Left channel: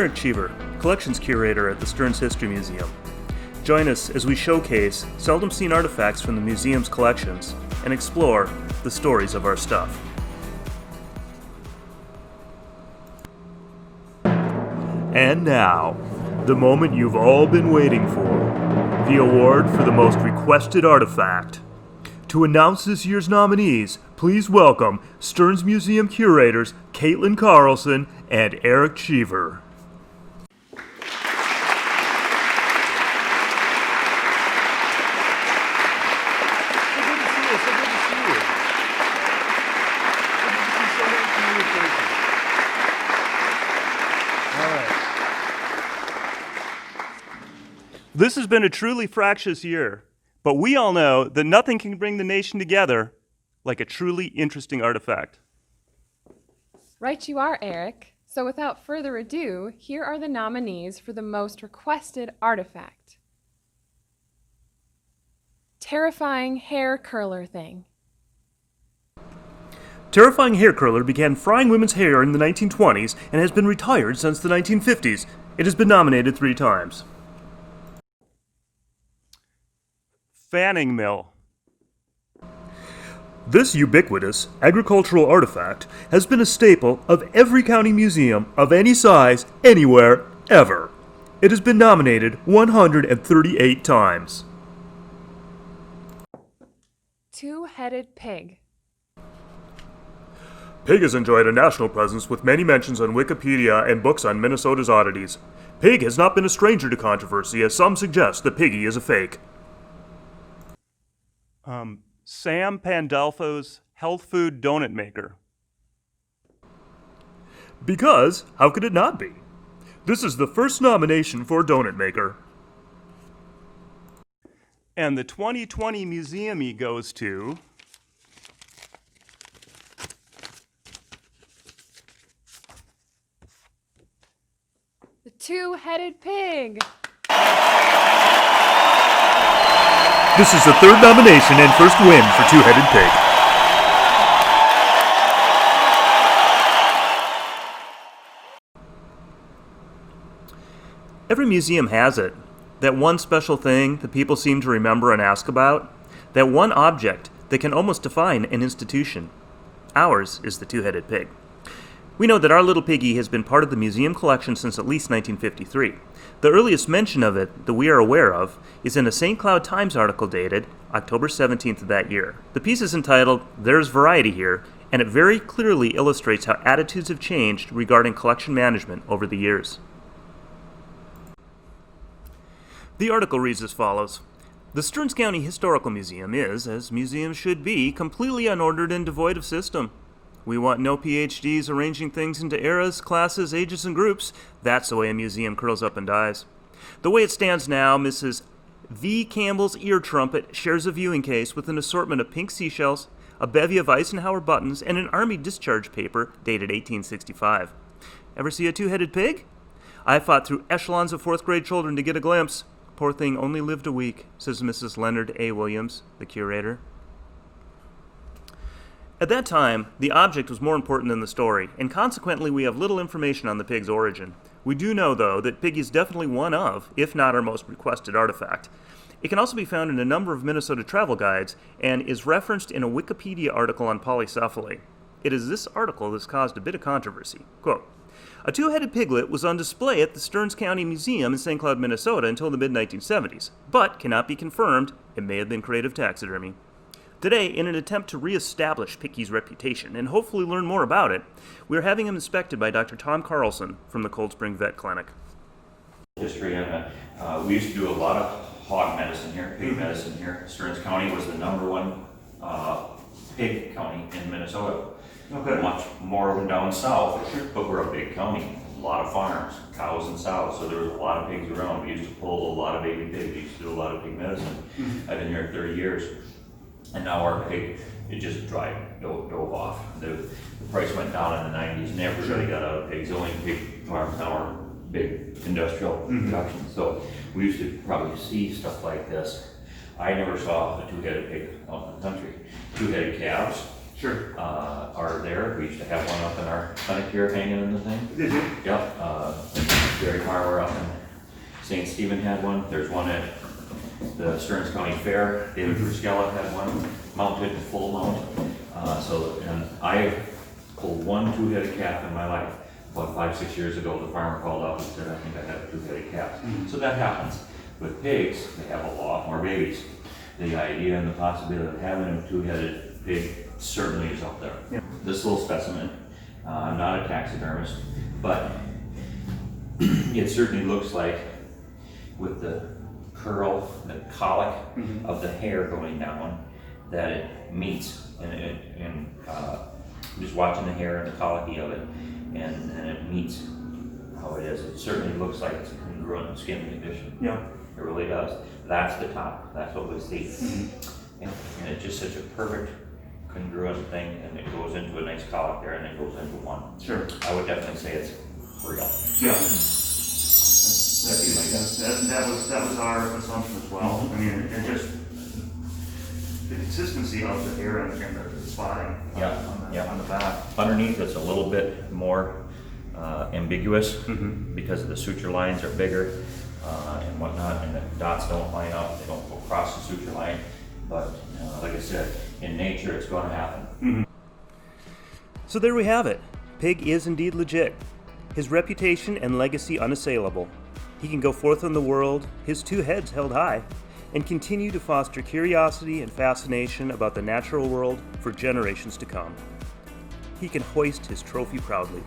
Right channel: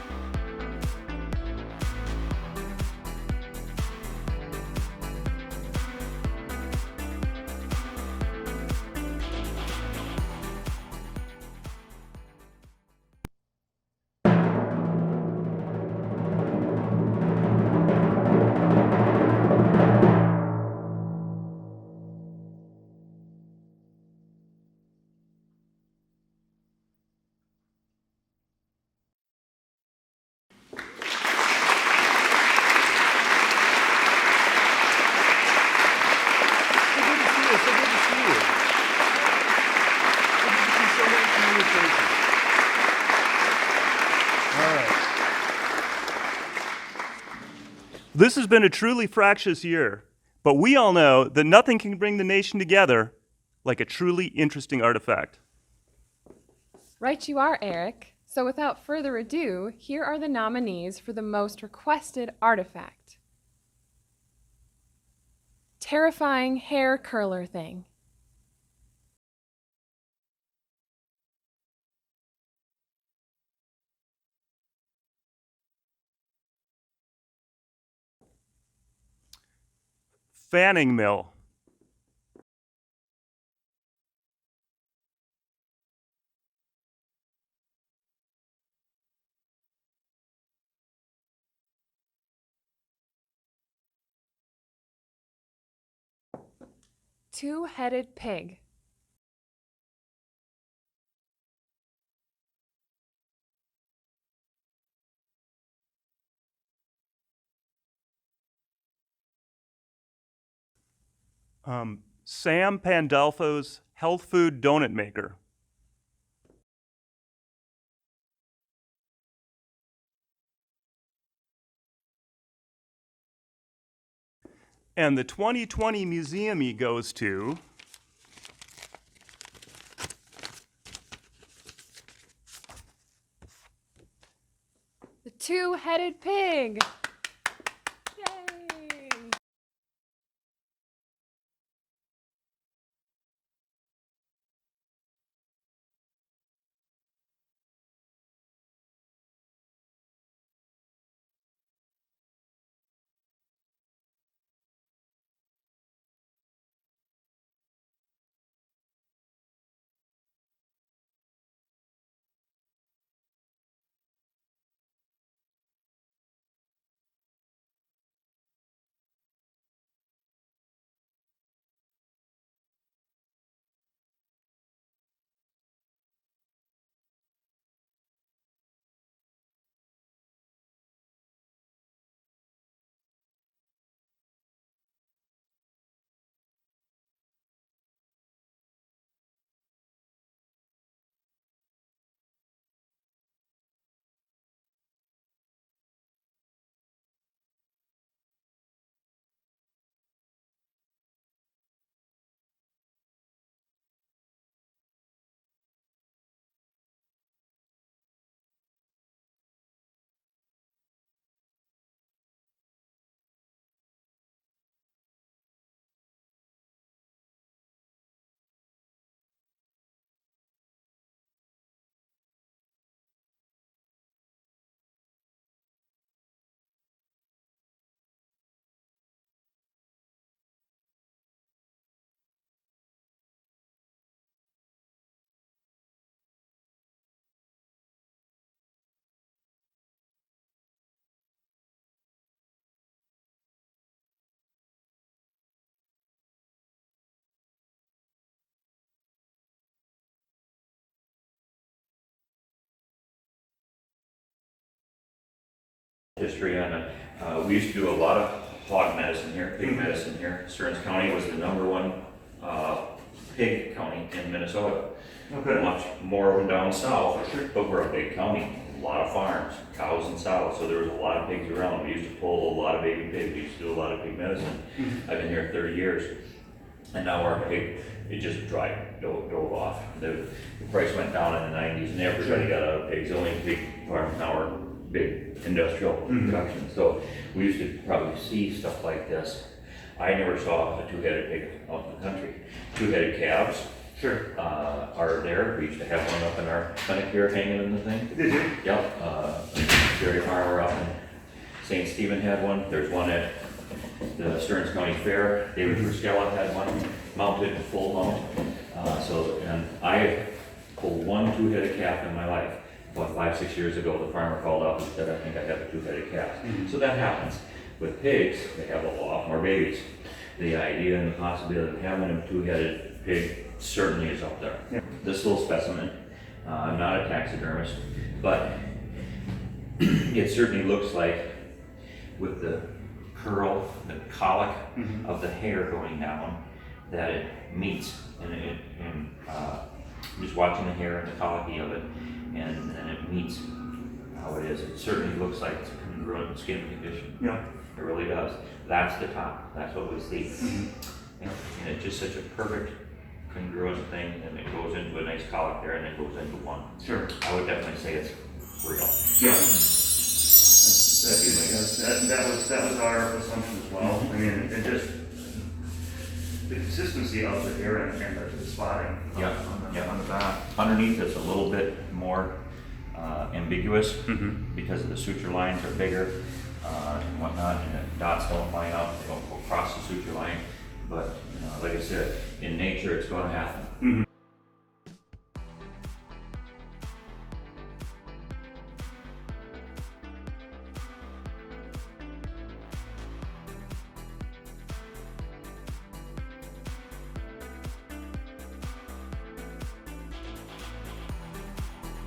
Eric Cheever, Collections Curator at the Stearns History Museum. Join us as we showcase seldom seen artifacts from the museum's collections and explore the stories of our stuff. And now, the moment you've all been waiting for, the award for the most requested artifact. To announce this year's nominees, please welcome Stearns Museum curators Caitlin Carlson and Eric Cheever. This has been a truly fractious year, but we all know that nothing can bring the nation together like a truly interesting artifact. Right you are, Eric. So without further ado, here are the nominees for the most requested artifact. Terrifying hair curler thing. Terrifying hair curler began frying women's hair in the 1920s and has been retired since the 1950s. It has been nominated 3 times. Fanning mill. This ubiquitous agricultural artifact has been a staple of every county museum of any size, anywhere, ever. It has been nominated 138 times. Two-headed pig. Pig has enjoyed a national presence with many mentions on Wikipedia and books on Minnesota's oddities. Pig has not been a stranger to controversy, as some suggest that Piggy is a fake. Sam Pandolfo's health food donut maker. Because, how could it not be? This is the first nomination for donut maker. And the 2020 Museum-y goes to... The two-headed pig. This is the 3rd nomination and first win for Two-Headed Pig. Every museum has it. That one special thing that people seem to remember and ask about. That one object that can almost define an institution. Ours is the Two-Headed Pig. We know that our little piggy has been part of the museum collection since at least 1953. The earliest mention of it that we are aware of is in a St. Cloud Times article dated October 17th of that year. The piece is entitled, "There's Variety Here," and it very clearly illustrates how attitudes have changed regarding collection management over the years. The article reads as follows. The Stearns County Historical Museum is, as museums should be, completely unordered and devoid of system. We want no PhDs arranging things into eras, classes, ages, and groups. That's the way a museum curls up and dies. The way it stands now, Mrs. V. Campbell's ear trumpet shares a viewing case with an assortment of pink seashells, a bevy of Eisenhower buttons, and an Army discharge paper dated 1865. Ever see a two-headed pig? I fought through echelons of 4th grade children to get a glimpse. Poor thing only lived a week, says Mrs. Leonard A. Williams, the curator. At that time, the object was more important than the story, and consequently we have little information on the pig's origin. We do know, though, that Piggy is definitely one of, if not our most requested artifact. It can also be found in a number of Minnesota travel guides, and is referenced in a Wikipedia article on polycephaly. It is this article that's caused a bit of controversy. Quote, a two-headed piglet was on display at the Stearns County Museum in St. Cloud, Minnesota until the mid-1970s, but cannot be confirmed. It may have been creative taxidermy. Today, in an attempt to reestablish Piggy's reputation and hopefully learn more about it, we are having him inspected by Dr. Tom Carlson from the Cold Spring Vet Clinic. History on we used to do a lot of hog medicine here, pig medicine here. Stearns County was the #1 pig county in Minnesota. Okay. Much more of them down south, but we're a big county. A lot of farms, cows and sows, so there was a lot of pigs around. We used to pull a lot of baby pigs. We used to do a lot of pig medicine. I've been here 30 years. And now our pig, it just dove off. The price went down in the 90s and everybody got out of pigs. The only pig farms now are big industrial production. So we used to probably see stuff like this. I never saw a two-headed pig out in the country. Two-headed calves are there. We used to have one up in our clinic here hanging in the thing. Did you? Yep. dairy farmer up in St. Stephen had one. There's one at the Stearns County Fair. David Friskella had one mounted, full mount. And I pulled one two-headed calf in my life. About 5-6 years ago, the farmer called up and said, I think I have a two-headed calf. So that happens. With pigs, they have a lot more babies. The idea and the possibility of having a two-headed pig certainly is up there. Yeah. This little specimen, I'm not a taxidermist, but it certainly looks like with the curl, the colic of the hair going down, that it meets. And just watching the hair and the colicky of it, and it meets how it is. It certainly looks like it's a congruent skin condition. Yeah. It really does. That's the top. That's what we see. And it's just such a perfect congruent thing, and it goes into a nice colic there, and it goes into one. Sure. I would definitely say it's real. Yeah. That was our assumption as well. I mean, it just, the consistency of the hair and the spotting on the back. Underneath it's a little bit more ambiguous because of the suture lines are bigger and whatnot, and the dots don't line up, they don't go across the suture line. But like I said, in nature it's going to happen. So there we have it. Pig is indeed legit. His reputation and legacy unassailable. He can go forth in the world, his two heads held high, and continue to foster curiosity and fascination about the natural world for generations to come. He can hoist his trophy proudly.